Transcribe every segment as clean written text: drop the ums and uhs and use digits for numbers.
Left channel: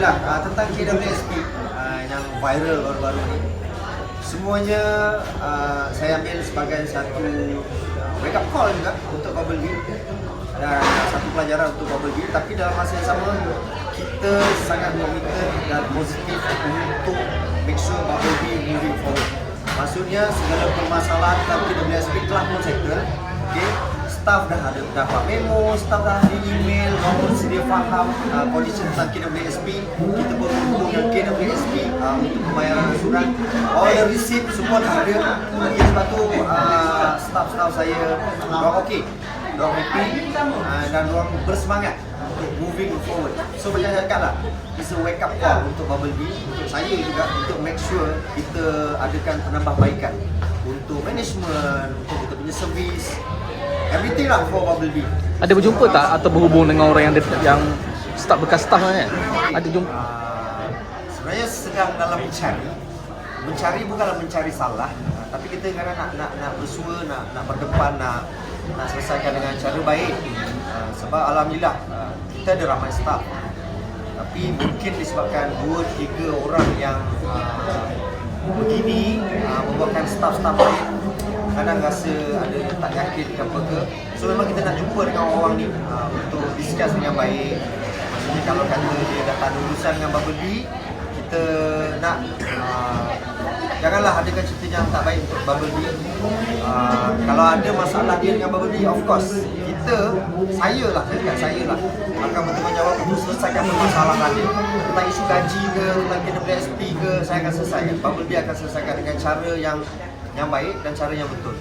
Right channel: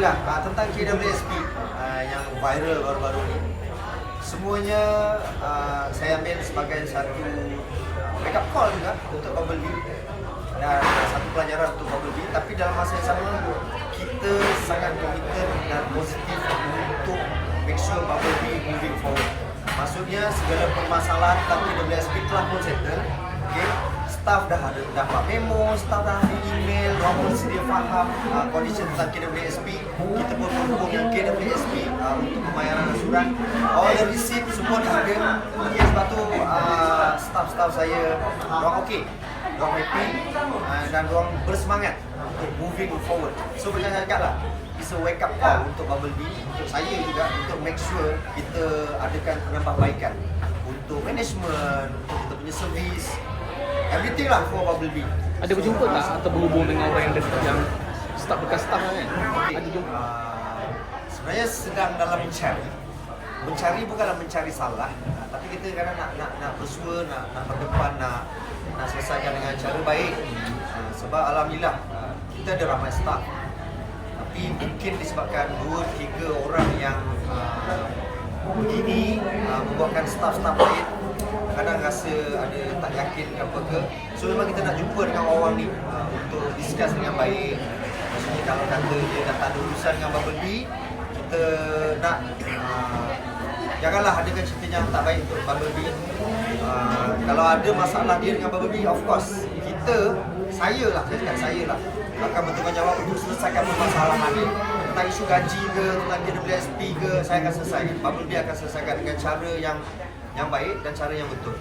Alhamdulillah, tentang KWSP yang viral baru-baru ni, semuanya saya ambil sebagai satu wake up call juga untuk Bubble Bee dan satu pelajaran untuk Bubble Bee. Tapi dalam masa yang sama, kita sangat committed dan positif untuk make sure Bubble Bee moving forward. Maksudnya segala permasalahan tentang KWSP telah pun settle. Okay? Staff dah dapat memo, staff dah ada email, orang sedia faham kondisi tentang KWSP. Kita berhubung dengan KWSP untuk pembayaran ansuran. All the receipt semua dah ada. Okay, sebab tu staff saya orang okey, orang happy dan orang bersemangat untuk moving forward. So macam saya cakap lah, it's a wake up call untuk Bubble Bee, untuk saya juga, untuk make sure kita adakan penambahbaikan untuk management, untuk kita punya servis, everything lah for Bubble Bee. Ada berjumpa tak atau berhubung dengan orang yang staff bekas staff kan? Ada jumpa? Sebenarnya sedang dalam mencari bukanlah mencari salah, tapi kita kadang nak bersua, nak berdepan, nak selesaikan dengan cara baik. Sebab alhamdulillah kita ada ramai staff, tapi mungkin disebabkan 2-3 orang yang begini membuatkan staff-staff lain kadang rasa ada tak yakin ke apa ke. So memang kita nak jumpa dengan orang ni untuk discuss dengan baik. Maksudnya kalau kata dia dah tak ada urusan dengan Bubble Bee, kita nak janganlah adakan cerita yang tak baik untuk Bubble Bee. Kalau ada masalah dia dengan Bubble Bee, of course saya akan bertanggungjawab untuk selesaikan permasalahan dia. Tentang isu gaji ke, tentang KWSP ke, saya akan selesaikan. Bubble Bee akan selesaikan dengan cara yang baik dan cara yang betul.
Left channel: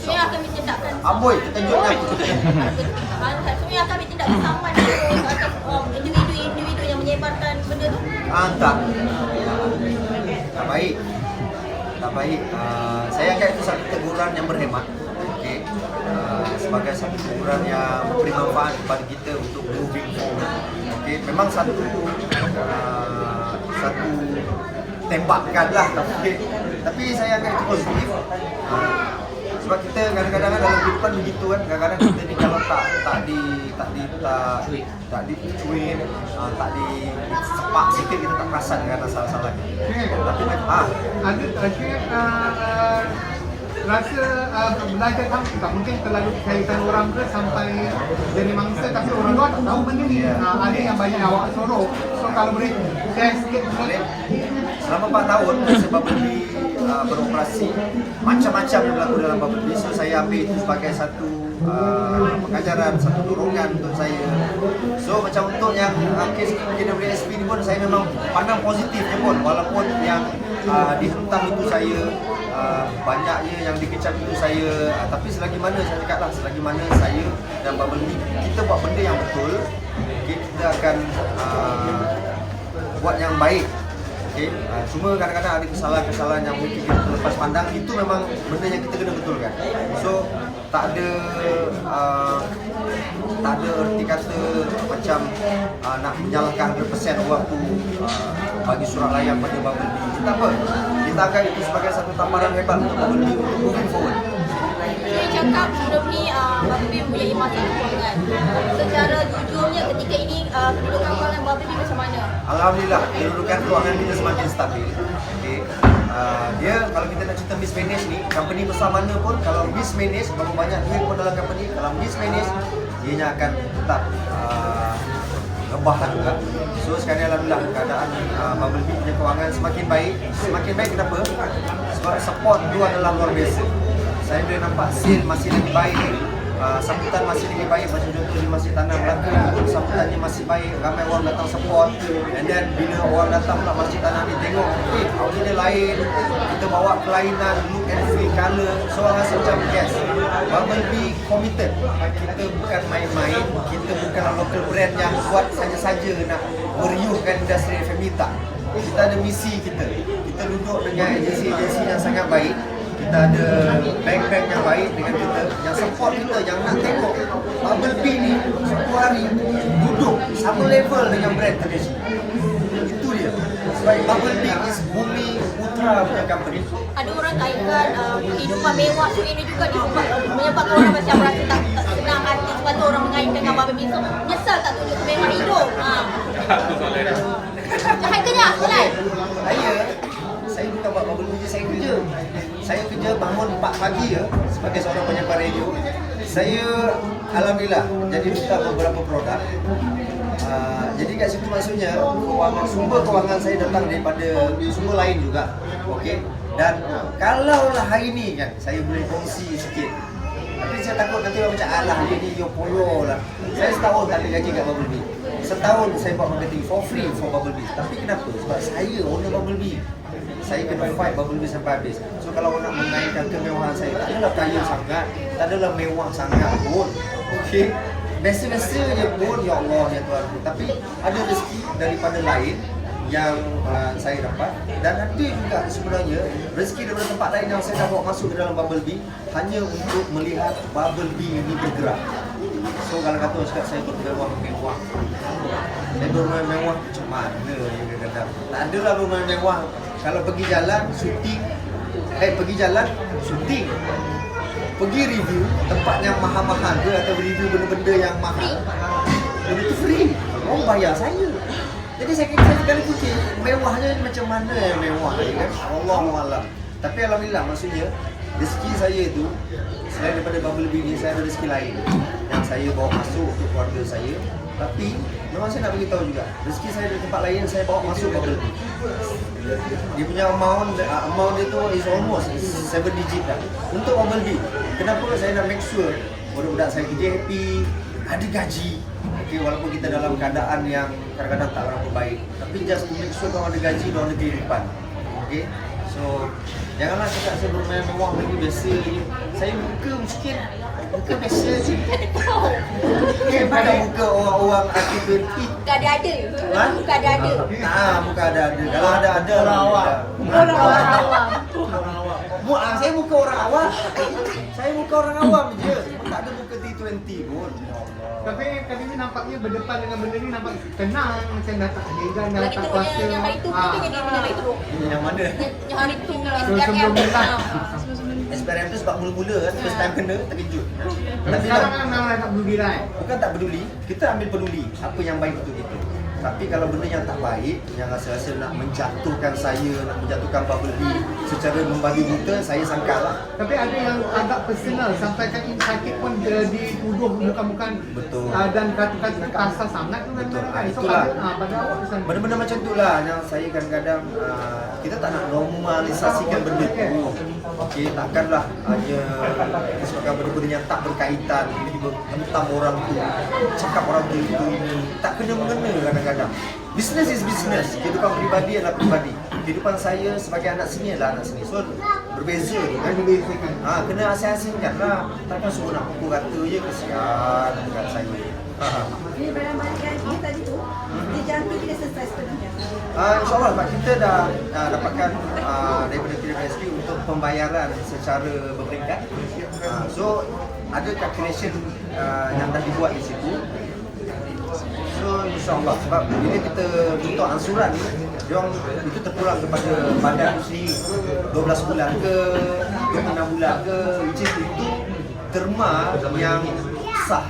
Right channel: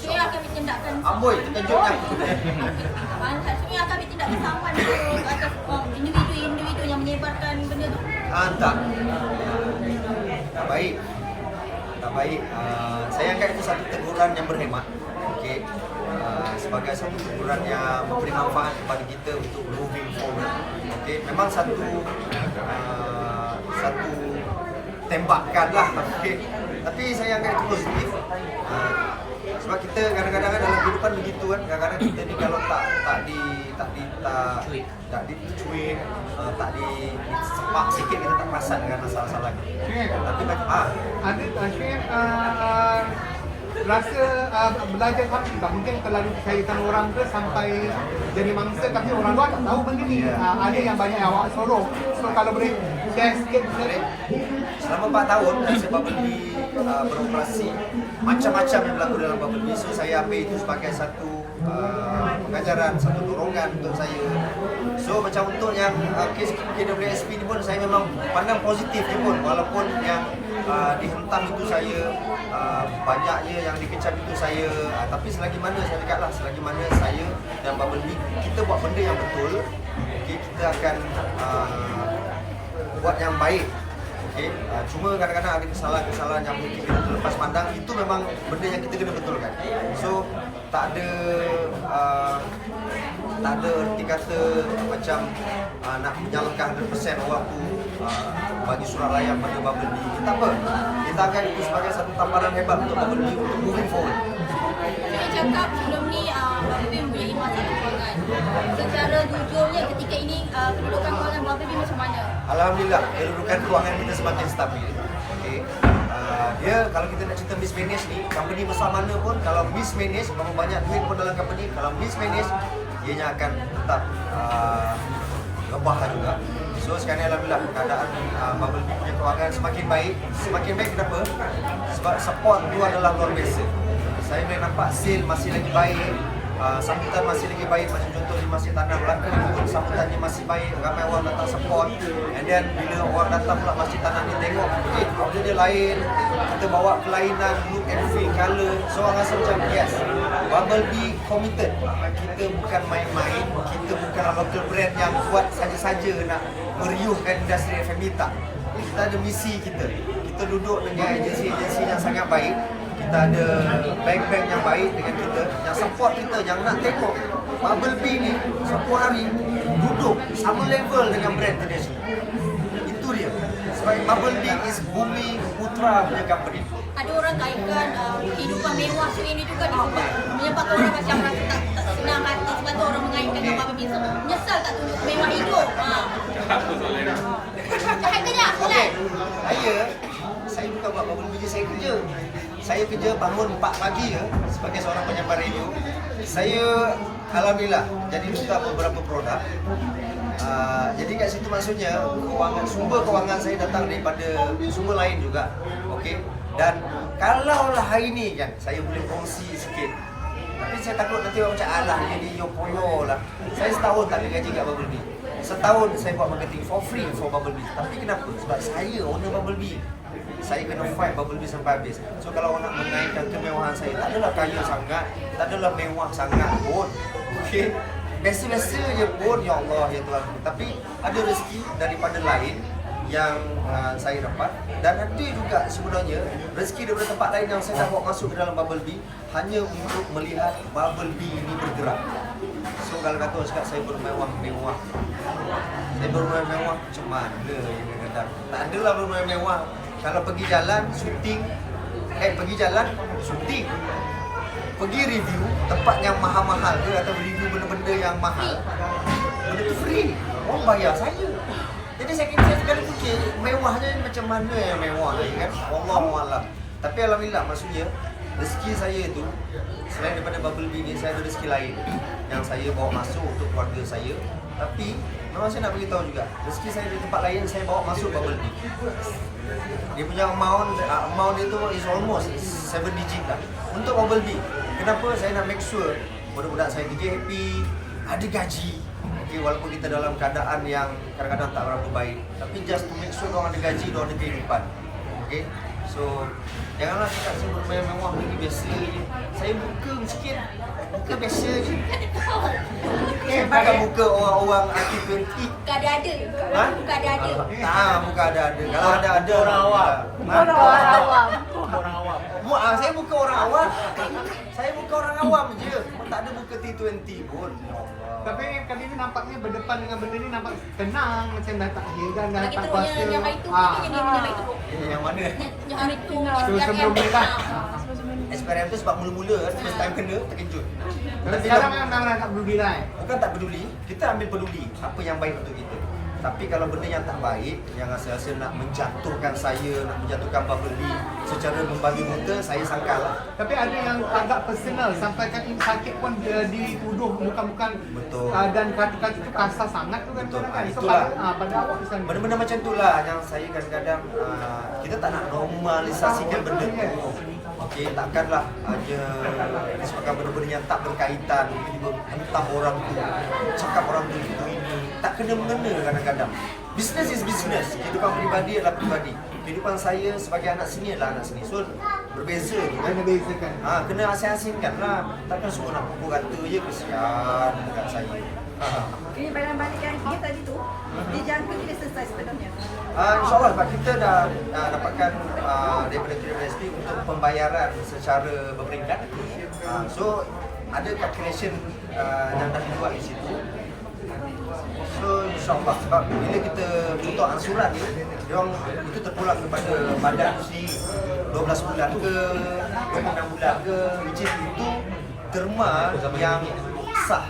Sebenarnya akan bertindakkan Amboi, terkejutnya aku. sebenarnya akan bertindakkan sama atas individu yang menyebarkan benda tu. Tak baik. Saya anggap itu satu teguran yang berhemat. Okey. Sebagai satu teguran yang memberi manfaat kepada kita untuk moving forward. Okey, memang satu tembakan lah, tapi saya anggap itu positif. Sebab kita kadang-kadang dalam kehidupan begitu kan, kadang-kadang kita ni kalau tak dicuin, tak disepak sikit, kita tak perasan dengan salah-salah. Tapi rasa belajar tahu juga mungkin terlalu kaitan orang ke sampai jadi mangsa, tapi orang luar tahu benda ni. Ada yang banyak awak suruh. So kalau boleh share sikit. Selama 4 tahun saya Bubble Bee beroperasi, macam-macam yang berlaku dalam Bubble Bee. So saya ambil itu sebagai satu pengajaran, satu dorongan untuk saya. So macam untuk yang kes KWSP ni pun saya memang pandang positifnya pun, walaupun yang dihentam itu saya, banyaknya yang dikecam itu saya, tapi selagi mana saya cakap lah, selagi mana saya dan Bubble Bee kita buat benda yang betul, okay, kita akan buat yang baik. Okay. Cuma kadang-kadang ada kesalahan-kesalahan yang mungkin kita terlepas pandang, itu memang benda yang kita kena betulkan. So tak ada erti kata macam nak menyalahkan 100% orang tu bagi surat layan pada Bubble Bee. Kita apa? Kita akan itu sebagai satu tamparan hebat untuk Bubble Bee untuk moving forward. Saya cakap sebelum ni Bubble Bee mempunyai masalah kewangan. Secara jujurnya ketika ini kedudukan kewangan Bubble Bee macam mana? Alhamdulillah, kedudukan kewangan kita semakin stabil. Okay. Dia kalau kita nak cerita mismanage ni, company besar mana pun, kalau mismanage, berapa banyak duit pun dalam company, kalau mismanage, ianya akan tetap rebah juga. So sekarang alhamdulillah keadaan Bubble Bee punya kewangan semakin baik. Semakin baik kenapa? Sebab support tu adalah luar biasa. Saya boleh nampak sale masih lagi baik, sambutan masih lagi baik. Macam contoh di Masjid Tanah Melaka pun sambutannya masih baik, ramai orang datang support. And then bila orang datang pula Masjid Tanah ni tengok, outlet dia lain, kita bawa kelainan, look and feel, colour, so orang rasa macam yes, Bubble Bee committed. Kita bukan main-main, kita bukan local brand yang buat saja-saja nak meriuhkan industri F&B, tak. Kita ada misi kita duduk dengan agensi-agensi yang sangat baik. Kita ada bank-bank yang baik dengan kita, yang support kita, yang nak tengok Bubble Bee ni suatu hari duduk sama level dengan brand tradisional. Itu dia. Sebab Bubble Bee is Bumi Putra punya company. Ada orang kaitkan kehidupan mewah show ini juga menyebabkan orang macam rasa tak senang hati sebab tu orang mengaitkan dengan Bubble Bee. So, menyesal tak tunjuk kemewahan hidup. Tak kerja, Okey, solat. saya bukan buat bubble bee, saya kerja. Saya kerja bangun 4 pagi ya sebagai seorang penyampai radio. Saya alhamdulillah jadi duta beberapa produk. Jadi kat situ maksudnya sumber kewangan saya datang daripada sumber lain juga. Okey. Dan kalaulah hari ni kan saya boleh kongsi sikit. Tapi saya takut nanti orang macam alah dia ni yo lah. Saya setahun tak ada gaji kat Bubble Bee. Setahun saya buat marketing for free for Bubble Bee. Tapi kenapa? Sebab saya owner Bubble Bee. Saya kena fight Bubble Bee sampai habis. So kalau orang nak mengaitkan kemewahan saya, tak adalah kaya sangat, tak adalah mewah sangat pun. Okey. Biasa-biasa je pun, ya Allah, ya Tuhan. Tapi ada rezeki daripada lain yang saya dapat. Dan ada juga sebenarnya rezeki daripada tempat lain yang saya dah bawa masuk ke dalam Bubble Bee hanya untuk melihat Bubble Bee ini bergerak. So kalau kata orang cakap saya bermewah-mewah, saya bermewah-mewah macam mana ya kadang-kadang. Tak adalah bermewah-mewah. Kalau pergi jalan, syuting, pergi review tempat yang mahal-mahal ke atau review benda-benda yang mahal, benda tu free. Orang bayar saya. Jadi saya sekali fikir mewahnya macam mana yang mewah ya kan? Wallahualam. Tapi alhamdulillah maksudnya rezeki saya tu selain daripada Bubble Bee ni saya ada rezeki lain yang saya bawa masuk untuk keluarga saya. Tapi memang saya nak beritahu juga rezeki saya di tempat lain saya bawa masuk Bubble Bee. Dia punya amount dia tu is almost 7 digit dah. Untuk Bubble Bee, kenapa saya nak make sure budak-budak saya kerja happy, ada gaji. Okay, walaupun kita dalam keadaan yang kadang-kadang tak berapa baik, tapi just to make sure diorang ada gaji, diorang ada kehidupan. Okay, so janganlah cakap saya bermewah lagi biasa je. Saya muka miskin, muka biasa je. Saya bukan muka orang-orang artis 20. Muka ada-ada. Ha? Muka ada-ada. Tak, muka ada-ada. Kalau ada-ada alhamdulillah. Saya muka orang awam. Saya muka orang awam je. Tak ada muka T20 pun. Ya Allah. Tapi kali ni nampaknya berdepan dengan benda ni nampak tenang, macam dah tak hidang, dah Lagi tak teruk puasa. yang hari tu kita dia punya hari teruk. Yang mana? Yang hari tu Sebelum mula. SPRM tu sebab mula-mula kan, first time kena, terkejut. Tapi Sekarang kan orang tak peduli lah. bukan tak peduli, kita ambil peduli apa yang baik untuk kita. Tapi kalau benda yang tak baik, yang rasa-rasa nak menjatuhkan saya, nak menjatuhkan Bubble Bee secara membabi buta, saya sangkal lah. Tapi ada yang agak personal sampai kan sakit pun dituduh bukan-bukan Betul. Dan kata-kata kasar sangat pun kan. Betul. So, Itulah. benda-benda Benda-benda macam tu lah yang saya kadang-kadang kita tak nak normalisasikan benda tu. Okey, takkanlah hanya disebabkan benda-benda yang tak berkaitan tiba-tiba hentam orang tu, cakap orang tu itu ini, tak kena mengena kadang-kadang. Business is business. Kehidupan peribadi adalah peribadi. Kehidupan saya sebagai anak seni adalah anak seni. So berbeza tu kan. Kena asing-asingkan lah. Takkan semua nak pukul rata je, kesian dekat saya. Ini barang-barang gaji tadi tu, dijanji tidak selesai sepenuhnya. InsyaAllah sebab kita dah dapatkan daripada KPSP untuk pembayaran secara berperingkat. So ada calculation yang dah dibuat di situ. So insyaAllah sebab bila kita untuk ansuran ni, diorang itu terpulang kepada badan tu sendiri 12 bulan ke 26 bulan ke, which is itu terma yang sah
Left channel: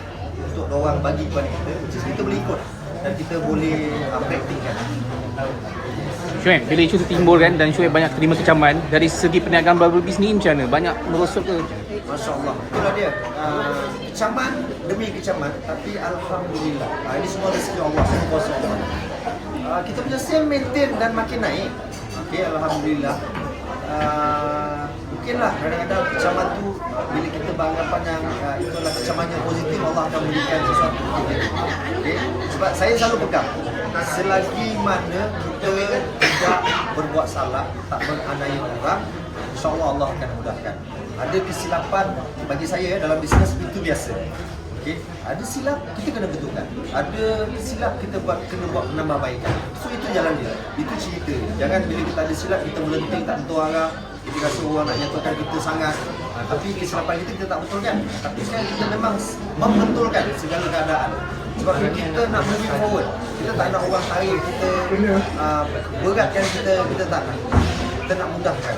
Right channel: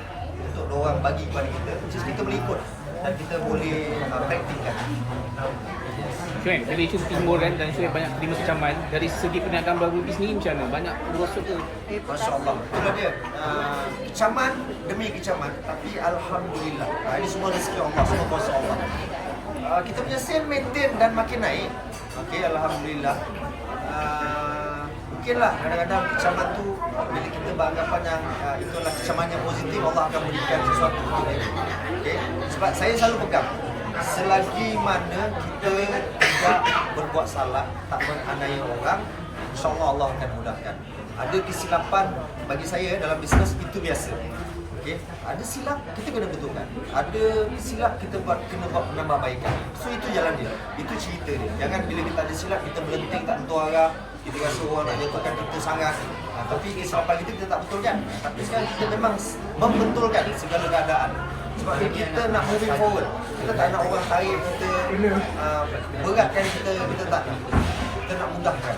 untuk diorang bagi kepada kita, which is kita boleh ikut dan kita boleh praktikkan. Syuib, bila isu timbul kan dan Syuib banyak terima kecaman dari segi perniagaan Bubble Bee ni macam mana? Banyak merosot ke? Masya Allah, itulah dia. Kecaman demi kecaman, tapi alhamdulillah. Ini semua rezeki Allah, semua kuasa Allah. Kita punya sale maintain dan makin naik. Okey, alhamdulillah. Mungkinlah kadang-kadang kecaman tu bila kita beranggapan yang itulah kecaman yang positif, Allah akan berikan sesuatu untuk kita. Okey, sebab saya selalu pegang selagi mana kita tidak berbuat salah, tak menganiaya orang, insya-Allah Allah akan mudahkan. Ada kesilapan bagi saya dalam bisnes itu biasa. Okey, ada silap kita kena betulkan. Ada silap kita kena buat penambahbaikan. So itu jalan dia. Itu cerita dia. Jangan bila kita ada silap kita melenting tak tentu arah. Kita rasa orang nak jatuhkan kita sangat. Tapi kesilapan kita tak betulkan. Tapi sekarang kita memang membetulkan segala keadaan. Sebab kita nak moving forward. Kita tak nak orang tarik kita beratkan kita tak nak. Kita nak mudahkan.